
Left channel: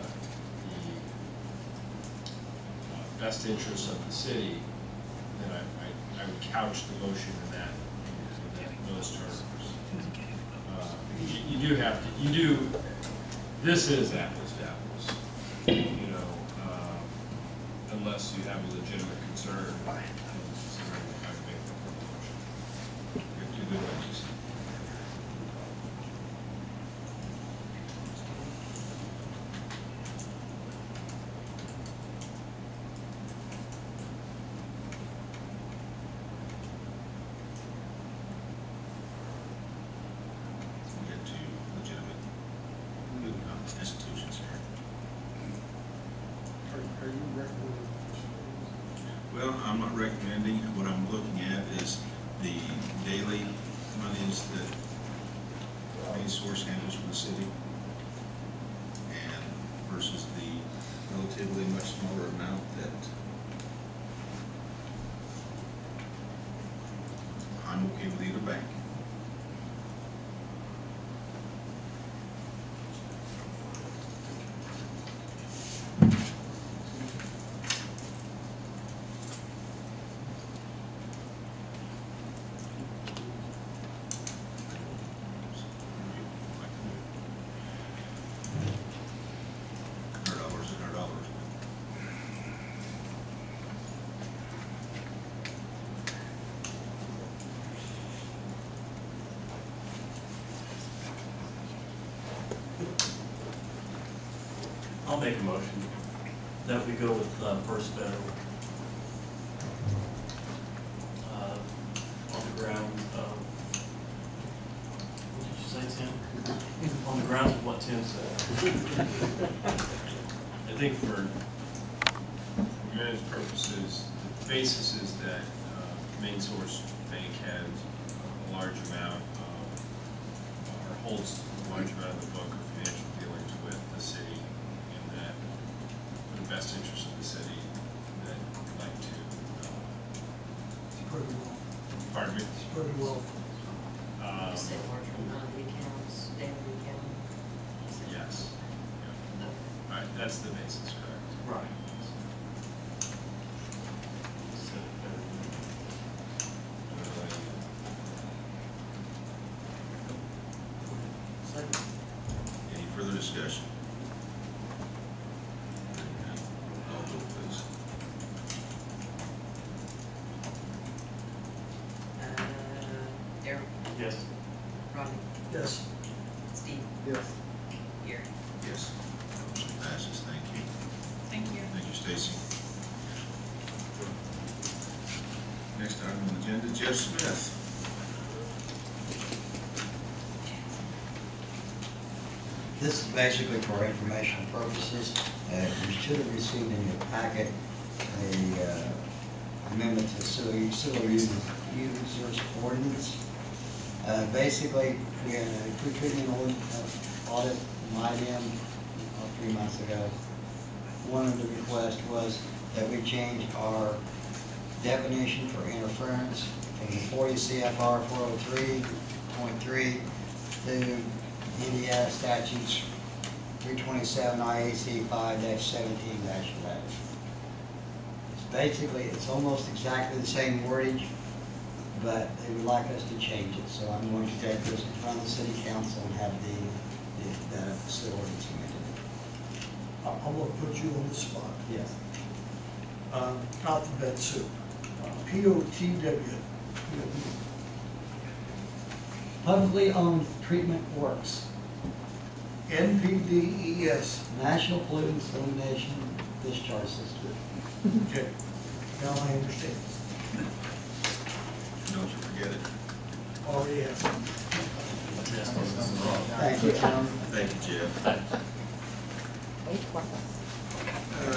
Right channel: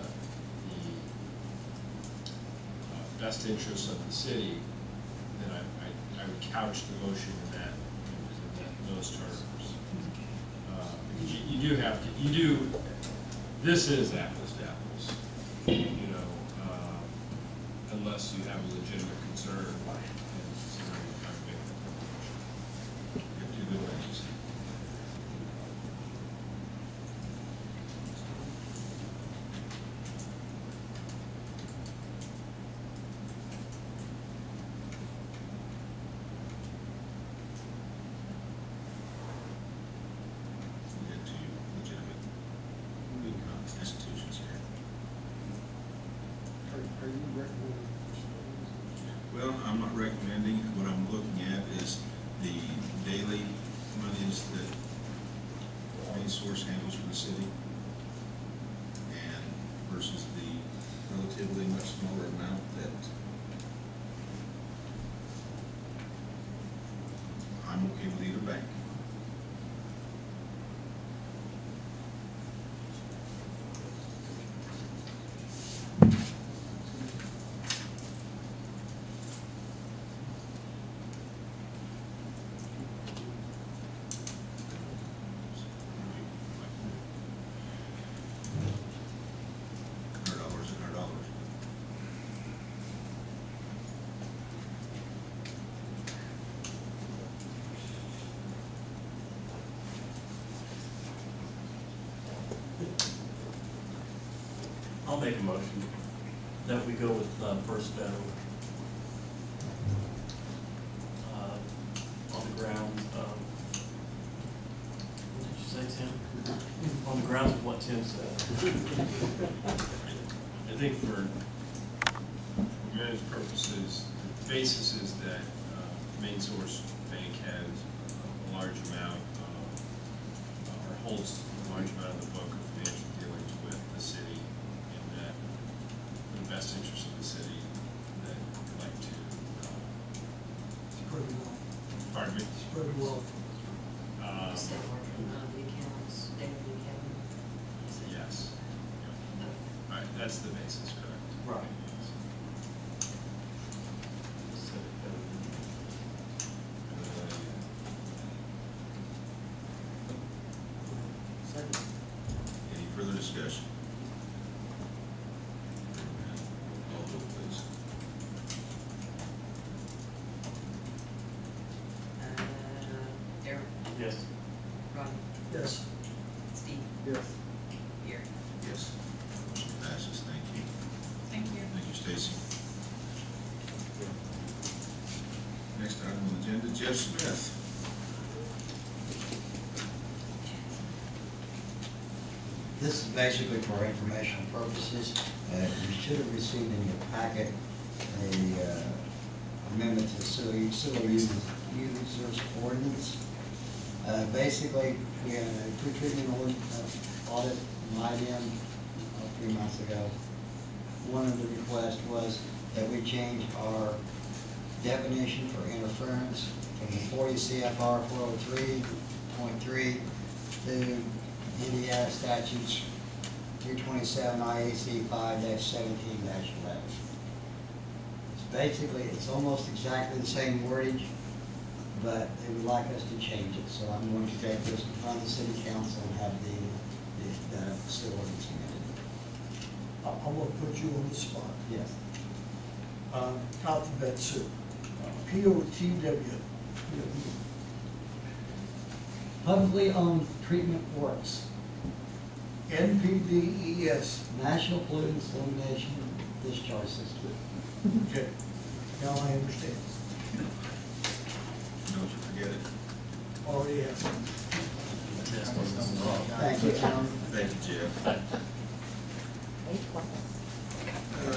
best interests of the city, then I would couch the motion in those terms. You do have to, this is apples to apples, unless you have a legitimate concern. Well, I'm not recommending. What I'm looking at is the daily monies that main source handles for the city, and versus the relatively much smaller amount that I'm okay with either bank. I'll make a motion that we go with First Federal. On the grounds of, what did you say, Tim? On the grounds of what Tim said. I think for managed purposes, the basis is that Main Source Bank has a large amount of, or holds a large amount of the book of financial dealings with the city, and that for the best interest of the city, that we'd like to, Spread the wealth. pardon me? Spread the wealth. You said larger amount of the accounts, daily account? You said- Yes. Yeah. Okay. All right, that's the basis, correct? Right. Any further discussion? Call vote, please. Darryl, Yes. Rodney, Yes. Steve, Yes. Gary. Yes. Motion passes. Thank you. Thank you. Thank you, Stacy. Next item on the agenda, Jeff Smith. This is basically for informational purposes. You should have received in your packet a amendment to sewer users ordinance. Basically, we had a pre-treatment audit, IDM, 3 months ago. One of the requests was that we change our definition for interference from the 40 CFR 403.3 to Indiana statutes 327 IAC 5-17-11. It's basically, it's almost exactly the same wordage, but they would like us to change it. So I'm going to take this in front of the city council and have the sewer ordinance amended. I'm gonna put you on the spot. Yes. Alphabet soup. POTW. Publicly owned treatment works. NPDES. National Pollutants Elimination Discharge System. Okay, now I understand. Don't you forget it. Already have. Thank you, Tom. Thank you, Jeff.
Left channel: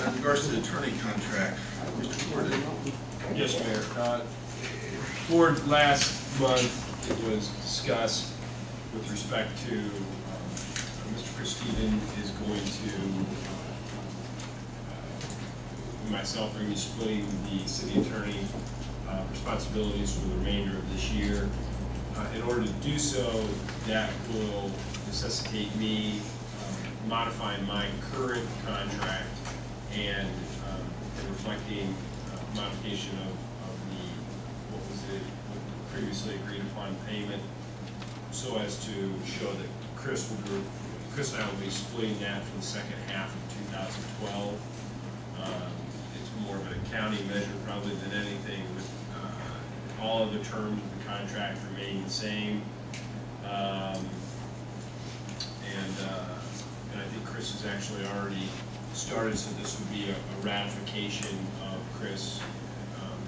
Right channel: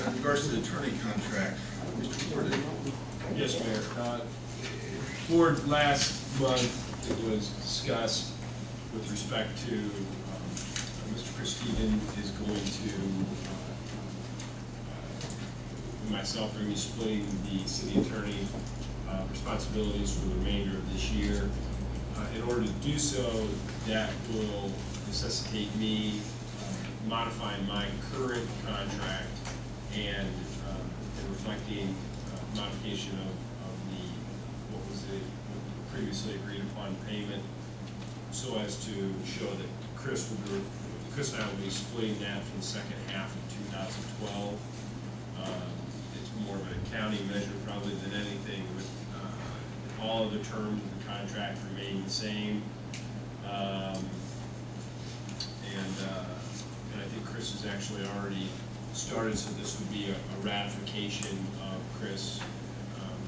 In regards to the attorney contract, Mr. Gordon. Yes, Mayor. Board, last month, it was discussed with respect to, Mr. Chasteen is going to, myself are going to be splitting the city attorney responsibilities for the remainder of this year. In order to do so, that will necessitate me modifying my current contract and reflecting modification of the, what was it, what previously agreed upon payment, so as to show that Chris and I will be splitting that for the second half of 2012. It's more of an accounting measure probably than anything, but all of the terms of the contract remain the same. And I think Chris has actually already started, so this would be a ratification of Chris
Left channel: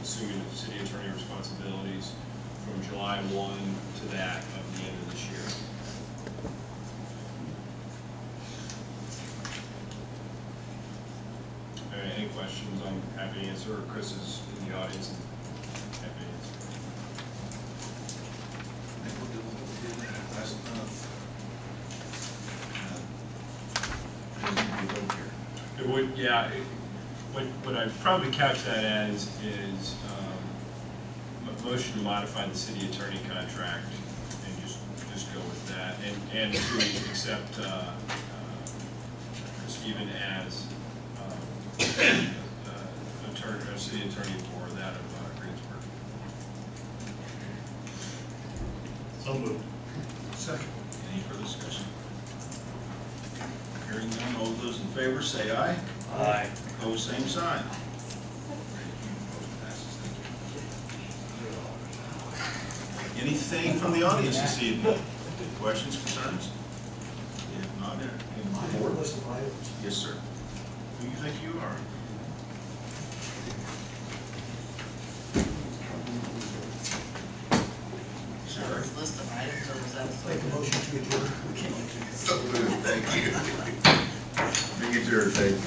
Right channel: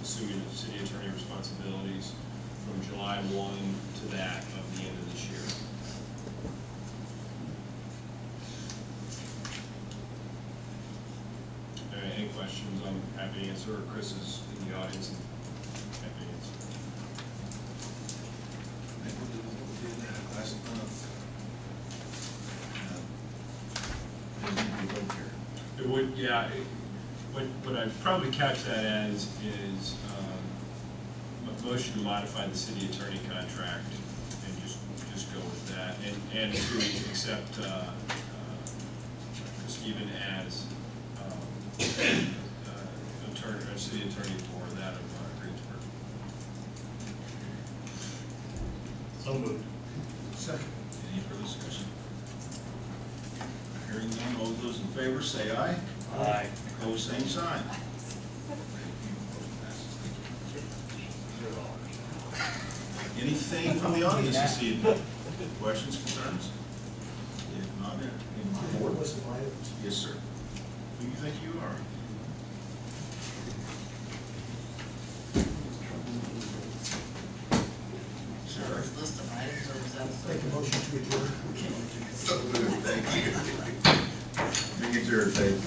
assuming the city attorney responsibilities from July 1 to that of the end of this year. All right, any questions? questions, I'm happy to answer, or Chris is in the audience and happy to answer. I think we'll do what we did last month. There's gonna be a vote here. It would, yeah, what I'd probably couch that as is, a motion to modify the city attorney contract and just go with that, and to accept, Stephen as, city attorney for that of Greensburg. So moved. Second. Any further discussion? Hearing none, all those in favor say aye. Aye. Opposed, same sign. Motion passes. Thank you. Anything from the audience this evening? Questions, concerns? If not, any board? List of items. Yes, sir. Who do you think you are? Sir? List of items, or was that? Make a motion to adjourn. So moved, thank you. Make it your, thank you.